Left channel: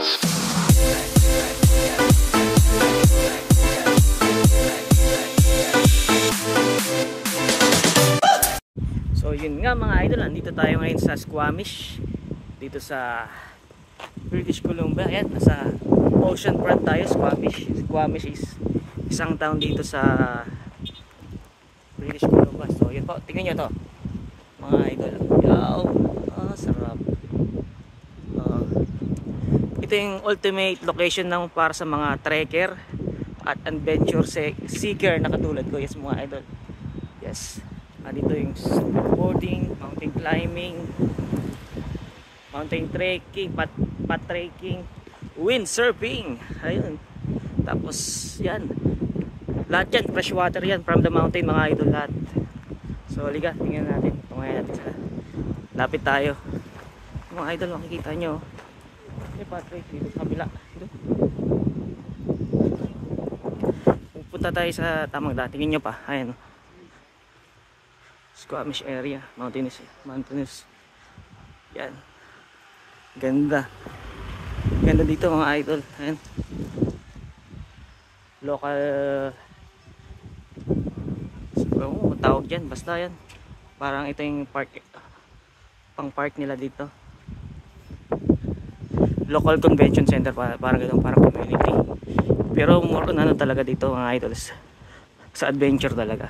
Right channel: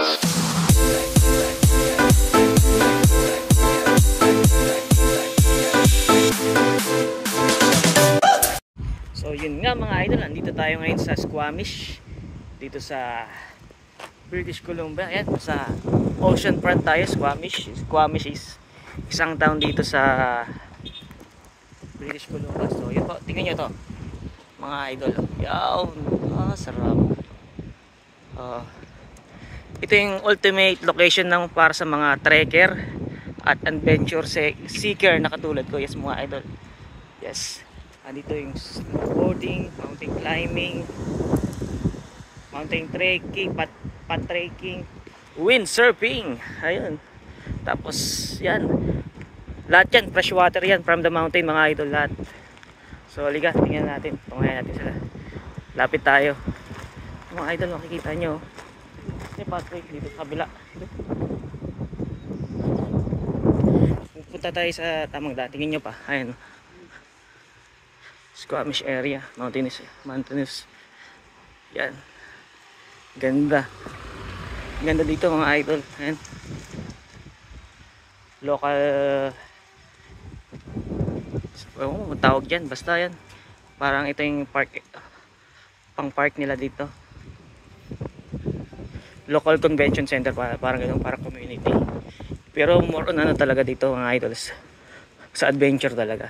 So yun nga mga idol, nandito tayo ngayon sa Squamish, dito sa British Columbia. Ayan, sa ocean front tayo. Squamish is isang town dito sa British Columbia. So yun po, tingnan nyo to mga idol. Yaw, sarap. Ito yung ultimate location ng para sa mga trekker at adventure seeker na katulad ko. Yes mga idol. Yes. Dito yung boarding, mountain climbing, mountain trekking, pat trekking, windsurfing. Ayun. Tapos yan. Lahat yan, freshwater yan from the mountain mga idol lahat. So liga, tingnan natin. Tungayan natin sila. Lapit tayo. Mga idol, makikita nyo. May pathway dito sa kabila. Pupunta tayo sa tamang daan. Tingnan nyo pa. Ayun. Squamish area, mountainous. Yan. Ganda. Ganda dito mga idol. Ayan. Local tawag dyan, basta yan. Parang ito yung park, pang park nila dito. Local convention center, parang ganun, parang community. Pero more on ano talaga dito mga idols, sa adventure talaga.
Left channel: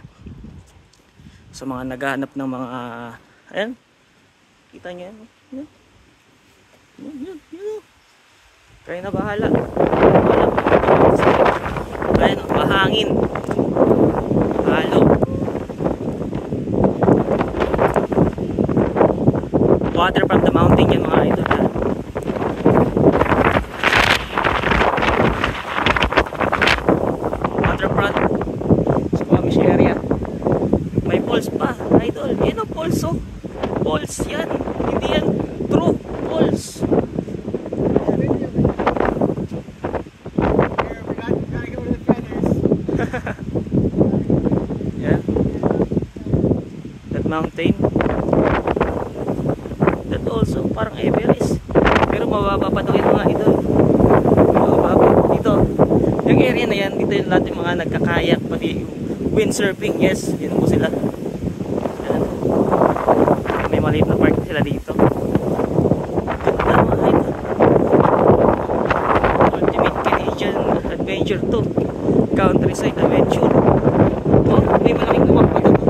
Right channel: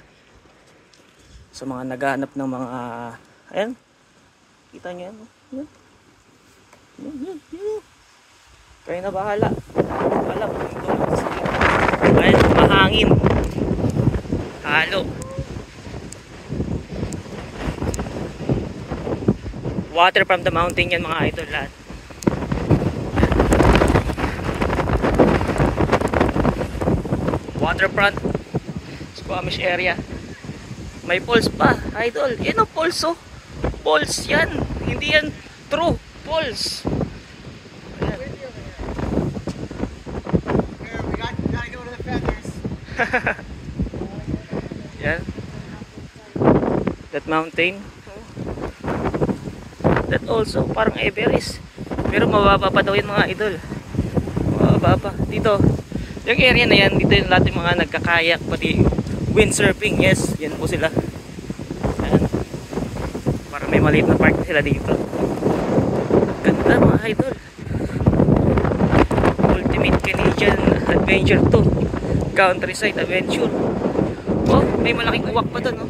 Sa mga naghahanap ng mga, ayan, kita nyo yan, yan. Kayo na bahala. Ayan, mahangin, halo, water from the mountain yan mga idol lahat. Waterfront Squamish area. May falls pa, idol. Yan ang falls, oh. Falls yan. Hindi yan true falls. Yan. That mountain. That also parang Everest. Pero mababa pa daw yun mga idol. Mababa. Dito. Yung area na yan, dito yung lahat yung mga nagkakayak, pati windsurfing, yes, yan po sila. Ayan. May maliit na park sila dito. Ganda mga idol. Ultimate Canadian adventure to. Countryside adventure. Oh, may malaking uwak pa doon, no?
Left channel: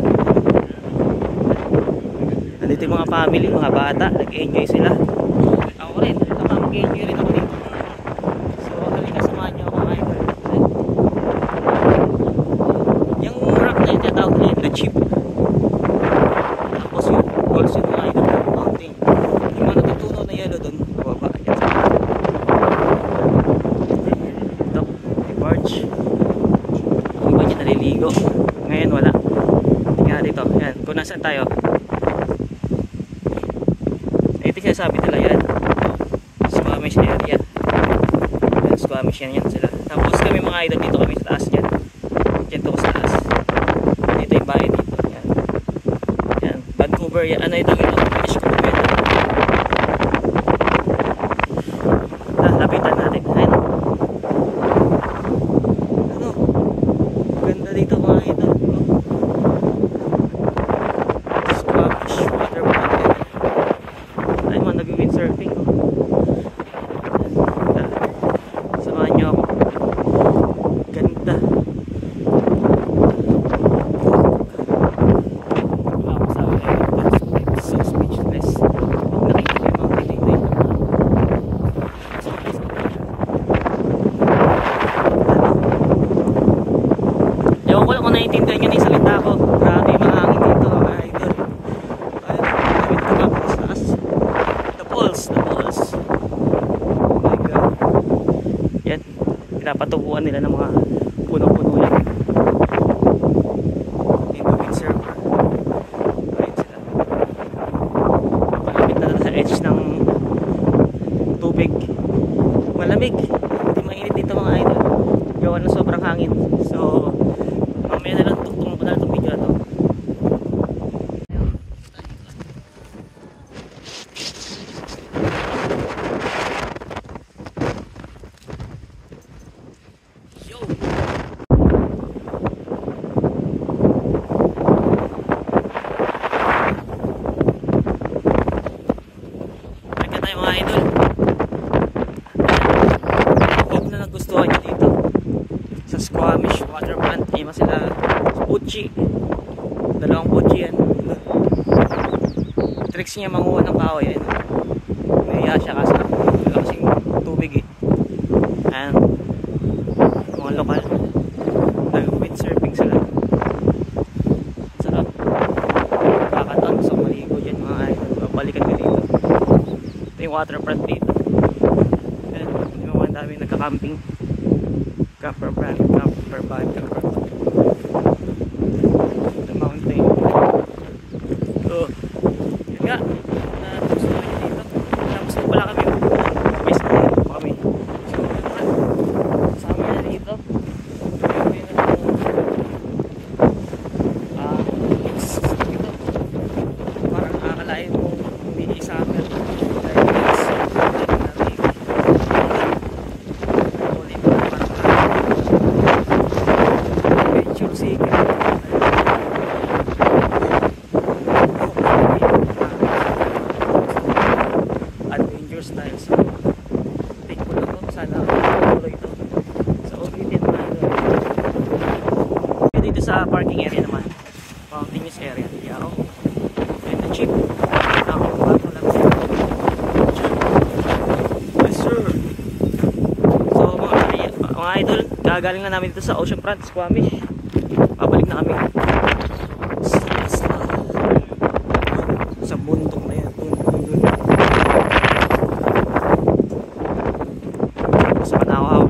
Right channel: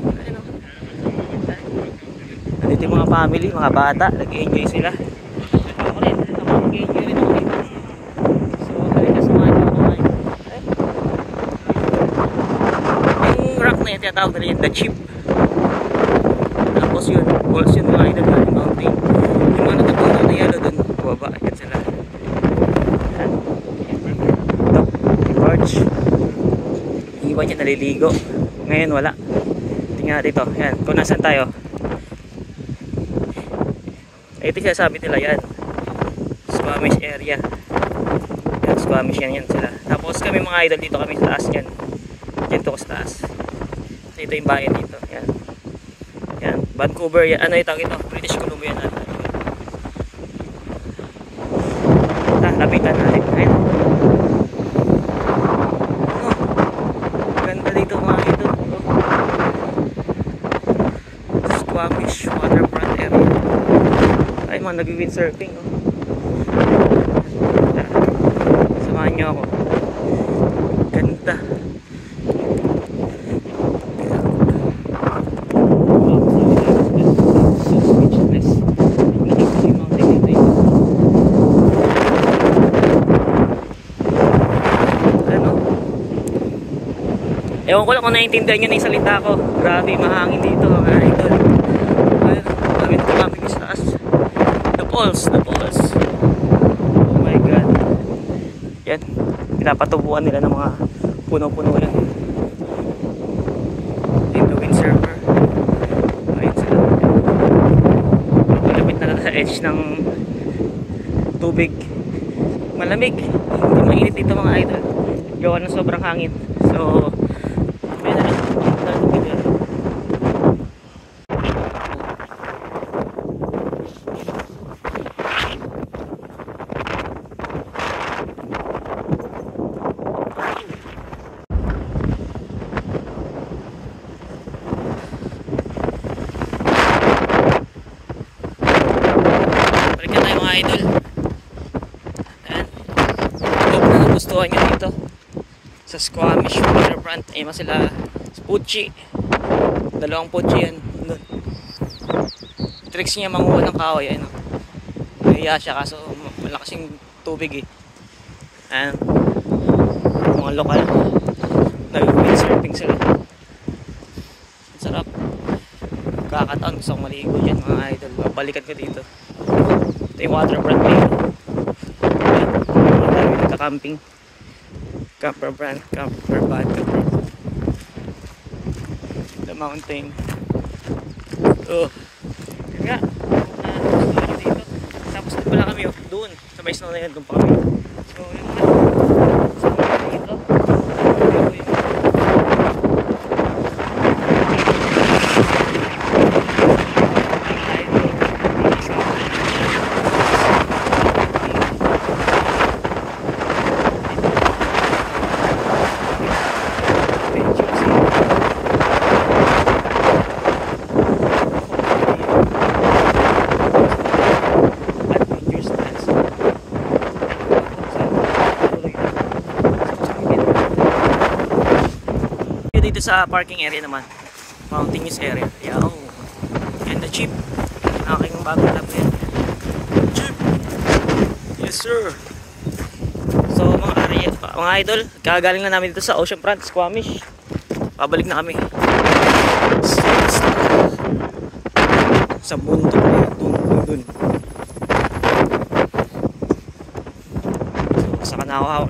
Dito yung mga family, mga bata, nag-enjoy sila. Ako rin, mag-enjoy rin ako dito. So, halika samahan nyo ako mga idol. Rock na yun, tinatawag nila yun, the chip. Tapos yun, falls yun mga idol, yung mountain. Yung mga natutunaw na yellow dun, baba, yan sa ito, yung barge. Yung iba dyan naliligo. Ngayon wala. Tingnan dito, yan, kung nasan tayo. Ito siya sabi nila yan, Squamish area. Yan, Squamish yan sila. Tapos kami mga idol, dito kami sa taas dyan. Dyan to ko sa taas. Ito yung bayan dito. Yan. Yan. Vancouver. Yan. Ano ito? British Columbia. Lapitan natin. Ayan. Oh. Ganda dito mga ito. Squamish waterfront area. Ay mga nag-windsurfing. Oh. Samahan nyo ako. Ganda. Ewan ko lang kung naiintindihan nyo na yung salita ko. Grabe, mahangin dito mga idol. Ayun, kami dito kami sa taas. The falls. Oh my god. Yan, pinapatubuan nila ng mga puno-puno lang. Dito windsurfer. Ayun sila. Malapit na sa edge ng tubig. Malamig. Hindi mainit dito mga idol. Gawa ng sobrang hangin. So, mamaya na lang. idol. Hope na nagustuhan nyo dito sa Squamish Waterfront. Ayun sila Pucci. Dalawang Pucci yan. Tricks niya manguha ng kahoy. Ayun. Nahiya siya kasi malaking tubig eh. Ayan. Mga lokal. Nag-windsurfing sila. Sarap. Kakataon gusto kong maligo dyan mga idol. Babalikan ko dito. Ito yung waterfront dito. Ayan. Mga dami nagka-camping. Camper van. The mountain. So, nga. Tapos ko pala kami. Sabay sa kanya. Dito sa parking area naman, mountainous area. Yaw. And the jeep. Aking bago na jeep. Yes sir. So mga idol, kagaling na namin dito sa Oceanfront, Squamish. Pabalik na kami sa bundok na yan. Dun. Sa Kanahaw.